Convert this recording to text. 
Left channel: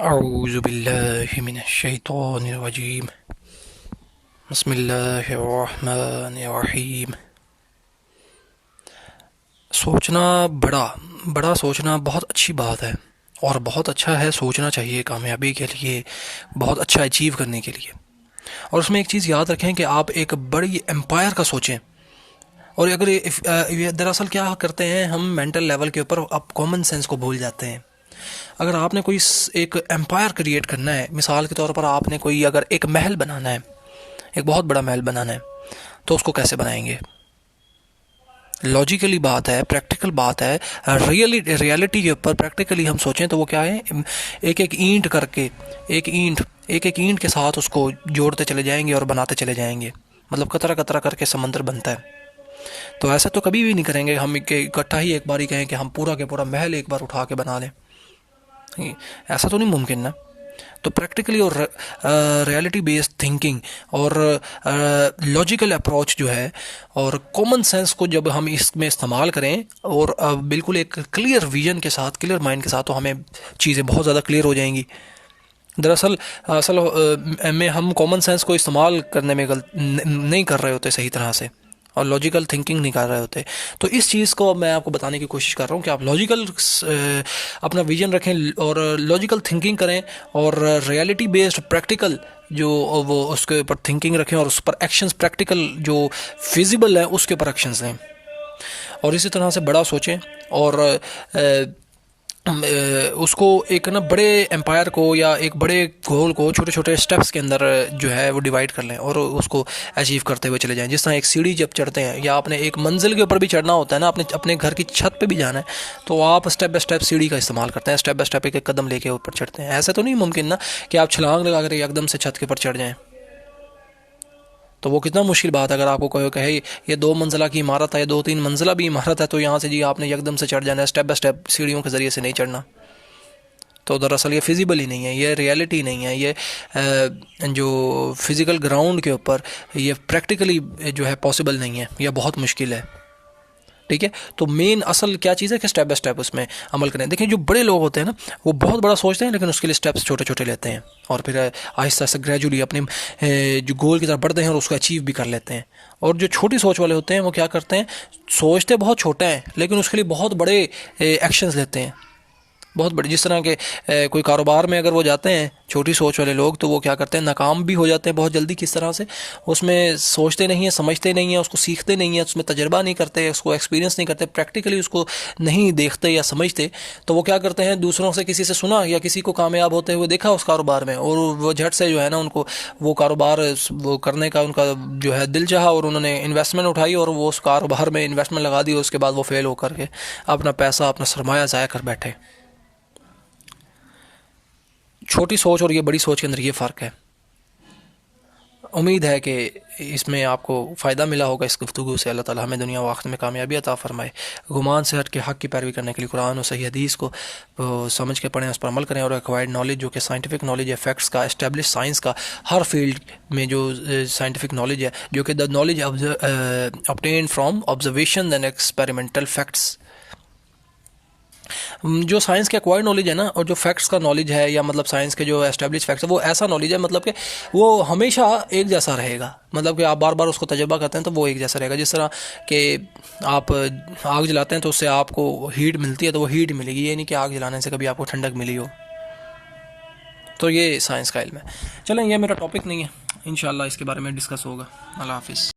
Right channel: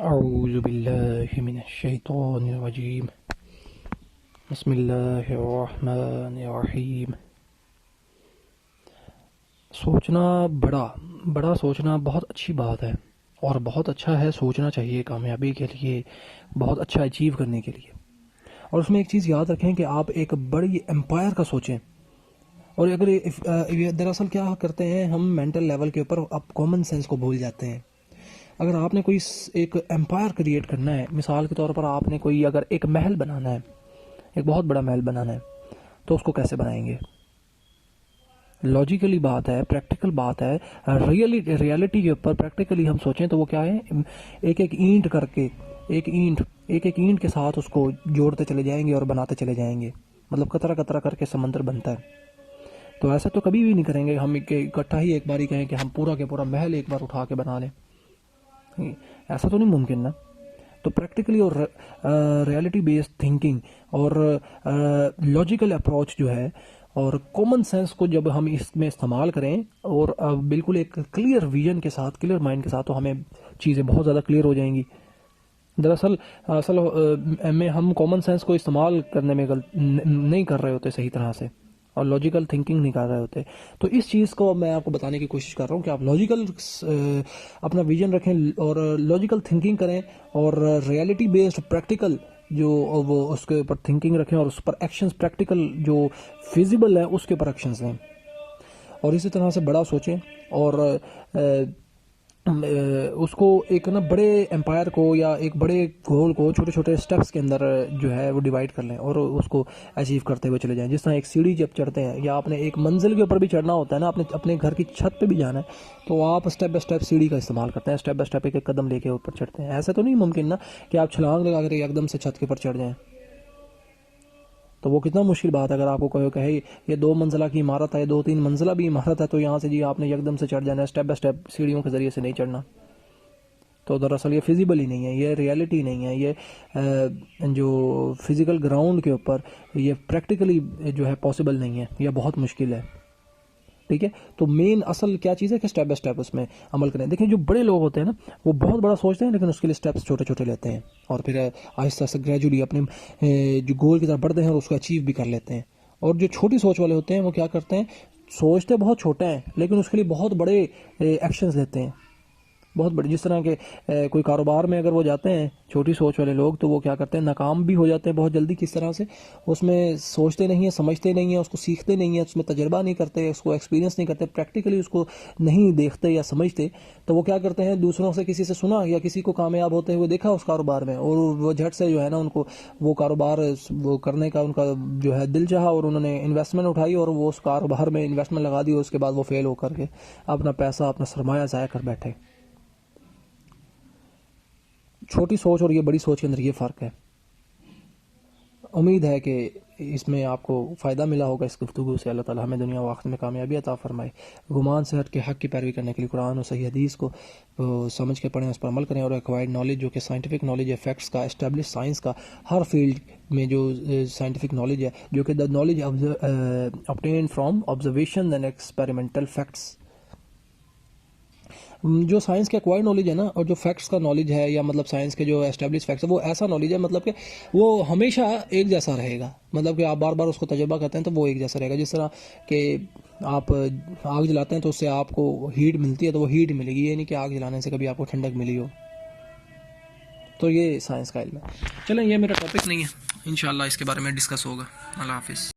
اعوذ باللہ من الشیطان الرجیم بسم اللہ الرحمن الرحیم۔ سوچنا بڑا سوچنا بہت اچھی بات ہے، اور بہت اچھا ہے، سوچنا چاہیے کامیابی کے لیے، بہت اچھا اچیو کرنے کے لیے۔ اور اس میں ایک چیز یاد رکھیں کہ آپ ایک بڑی امپائر کا سوچیں۔ اور اگر دراصل کیا کرتے ہیں ہم مینٹل لیول کے اوپر اب کامن سینس کو بھول جاتے ہیں۔ اگر آپ نے کوئی ایک امپائر کریٹ کرنا ہے، مثال کے طور پر آپ نے کوئی اگر ایک محل بنانا ہے، ایک بہت بڑا محل بنانا ہے، تو اس کو کیسے بنائیں گے؟ لاجیکلی بات ہے، پریکٹیکل بات ہے، ریالٹی کے اوپر پریکٹیکلی ہم سوچیں تو وہ کیا ہے، ایک اینٹ کر کے ایک اینٹ کے ساتھ اس کو جوڑتے چلے جائیں گے اور بناتے چلے جائیں گے، مطلب قطرہ قطرہ کر کے سمندر بنتا ہے۔ تو ایسا تو کبھی بھی نہیں کریں گے ہم کہ اکٹھا ہی ایک بار ہی کہیں کہ ہم پورا کے پورا محل ایک بار اٹھا کے بنا لیں، ایسا تو نہیں ممکن نا۔ تو پریکٹیکلی اور ریالٹی بیسڈ تھنکنگ اور لاجیکل اپروچ جو ہے اور کامن سینس کو جب ہم اس میں استعمال کریں اور بالکل ایک کلیئر ویژن کے ساتھ، کلیئر مائنڈ کے ساتھ، تو ہمیں چیزیں بہت زیادہ کلیئر ہو جائیں گی۔ دراصل میں ہم کامن سینس کو استعمال کرنے میں نہیں کر رہے ہوتے صحیح طرح سے، اور لاجیکل تھنکنگ نہیں کر رہے ہوتے۔ تو اس چیز کو میں آپ کو بتانے کی کوشش کر رہا ہوں کہ آپ لاجیکل اپنا ویژن رکھیں اور لاجیکل تھنکنگ کریں، اور ریالٹی بیسڈ پریکٹیکل جو وہ اس کے اوپر تھنکنگ رکھیں، اور اس پر ایکشنز پریکٹیکل جو فیزیبل ہیں اس کے اوپر ایکشنز لیں، اور اسی طرح سے بڑا سوچیں، اور اس کو ایک نا بڑے امپائر کو یا ایک بڑے گول کو چھوٹے چھوٹے سٹیپس کے اندر جو ہے وہ ڈیوائڈ کر لیں اور اس کو اچیو کرتے ہوئے چلے جائیں۔ جس طرح ایک سیڑھی جب چڑھتے ہیں یا آپ نے ایک منزل کے اوپر بھی چڑھنا ہوتا ہے نا، اپنے گھر کی چھت پہ بھی جانا ہے، تو آپ اسٹیپ بائی اسٹیپ سیڑھی کا استعمال کرتے ہیں، اسٹیپ بائی اسٹیپ ایک قدم لے کے اوپر چڑھتے ہیں۔ ایسا تو نہیں ممکن نا کہ آپ چھلانگ لگا کر ایک دم سے چھت کے اوپر چڑھ جائیں، تو وہ کتنا مشکل بات ہے۔ اگر آپ کو کہے یہ 2 منزلہ کی عمارت ہے یا 2-3 منزلہ بھی عمارت ہے، تو یہاں سے جی آپ نے یکدم سے چڑھ جانا ہے، اسٹیپ بائی اسٹیپ سیڑھیوں کے ذریعے سے نہیں چڑھنا۔ تو دراصل یہ فیزیبل ہی نہیں ہے، یہ ریالٹی نہیں ہے، یہ جو فزیکل گراؤنڈ کے اوپر یہ پریکٹیکلی جو ہے پاسبل نہیں ہے، یہ بہت مشکل ہے، ٹھیک ہے۔ تو مین اصل کیا چیز ہے کہ اسٹیپ بائی اسٹیپ اس میں عمل کریں۔ دیکھیں جو بڑے لوگ ہوتے ہیں نا، وہ بہت بڑا سوچتے ہیں لیکن اس کے لیے اسٹیپس چھوٹے چھوٹے لیتے ہیں، اور پھر آہستہ آہستہ گریجولی اپنے جو گول کی طرف بڑھتے ہیں اور اس کو اچیو بھی کر لیتے ہیں۔ اور جو چھوٹی سوچ والے ہوتے ہیں وہ کیا کرتے ہیں، سوچتے بہت چھوٹا ہیں لیکن اس کے لیے بہت بڑے ایکشنز لیتے ہیں، بہت بڑے۔ جس طرح کہ کوئی کاروبار میں اگر وہ جاتے ہیں چھوٹی سوچ والے لوگ، تو وہ کیا کرتے ہیں، ناکام بھی ہو جاتے ہیں بہت جلدی۔ کس طرح سے؟ اس میں سوچتے نہیں ہیں، سمجھتے نہیں ہیں، اس کو سیکھتے نہیں ہیں، اس میں تجربہ نہیں کرتے، اس کو ایکسپیرینس نہیں کرتے، پریکٹیکلی اس کو نہیں دیکھتے یا سمجھتے۔ تو وہ کیا کرتے ہیں، دوسروں سے کسی سے سنا یا کسی کو کامیاب ہوتے ہوئے دیکھا اس کاروبار میں، اور وہ جھٹ سے جو ہے نا ان کو وہ کاروبار وہ کرنے کا ان کا جو ہے دل چاہا، اور انہوں نے انویسٹمنٹ اٹھائی اور وہ اس کاروبار میں انویسٹمنٹ لگا دی، اور اس کے بعد وہ فیل ہو کر کے اپنا پیسہ، اپنا سرمایہ ضائع کر بیٹھے۔ چھوٹی سوچ اور یہ بڑی سوچ کے اندر یہ فرق ہے۔ امید ہے کہ اس میں آپ کو فائدہ ملا ہوگا اس گفتگو سے۔ اللہ تعالی ہمیں دنیا و آخرت میں کامیابی عطا فرمائے۔ گمان سے ہٹ کے حق کی پیروی کرنے کے لیے قرآن اور صحیح حدیث کو سمجھ کے پڑھیں، اس پر عمل کریں، اور ایکوائرڈ نالج جو کہ سائنٹیفک نالج ہے، فیکٹس کا، اسٹیبلش سائنس کا، ہر فیلڈ میں جو سائنٹیفک نالج ہے، جو کہ the knowledge obtained from observation and experimental facts, جو سائنس کے ایکوائرڈ نالج ہے نا، اور جو فیکٹس کا نالج ہے، یا مطلب سائنس کے جو اسٹیبلش فیکٹس ہے، وہ ایسا نالج ہے مطلب کہ وہ ہمیشہ ایک جیسا رہے گا، مطلب کہ آپ بار بار اس کو تجربہ کرتے ہیں تو وہ ایک جیسا رہے گا۔ جس طرح کہ آپ آگ جلاتے ہیں تو اس سے آپ کو ہیٹ ملتی ہے، تو وہ ہیٹ ملے گی، یہ نہیں کہ آگ جلانے سے کبھی آپ کو ٹھنڈک ملی ہو۔ تو یہ سائنس کا علم ہے۔ چلیں، یہ میرا ٹاپک نہیں ہے، انشاءاللہ اس کے بارے میں ڈسکس ہوگا۔ اللہ حافظ۔